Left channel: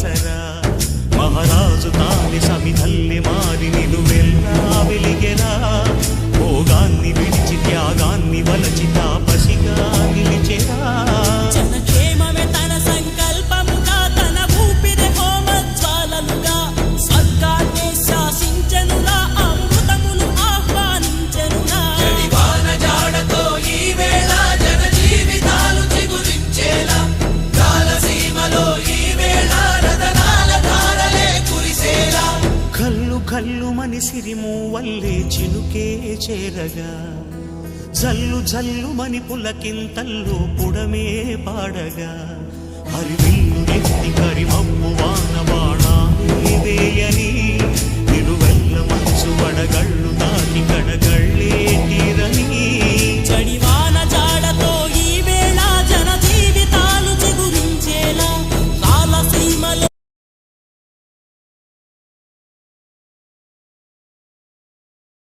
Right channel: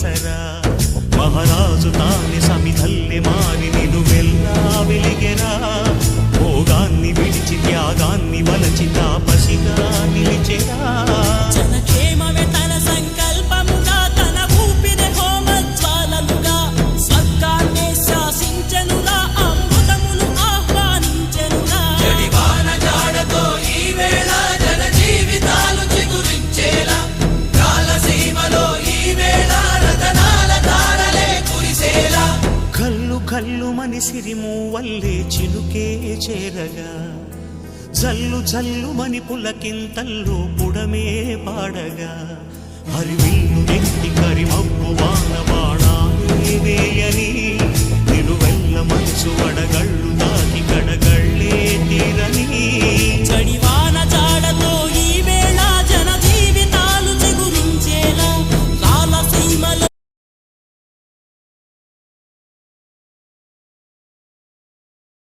ఆసరా మహారాజు తానే సమిధల్లె మారి నిలువెల్లా వెలిగెరా భోగాన్ని విడిచి త్యాగాన్ని వలచి తాపసిగా నిలిచెరా జనక్షేమమే తన సంకల్పముగా తన ఊపిరి హోమజ్వాలలుగా స్వర్గాన్నే శాసించెనురా అమృతమును ఆహ్వానించెనురా జాడతో ఈ వేళ జన జీవితాలు చిగురించేలా కాలసీమలో ఈ వేళ రతనాల ధారలే కురిసేలా కల్లు కల్లు మని సిరిము వల్లే చినుకే చేరగా జల్లు జల్లు మని పులకింతల్లు పుడమే పాడగా హరివిల్లు ఎత్తి కరిమబ్బు వాన బాణాలే వేయని నిలువెల్ల మంచు వడగళ్ళు తాకి కడగళ్ళే తీర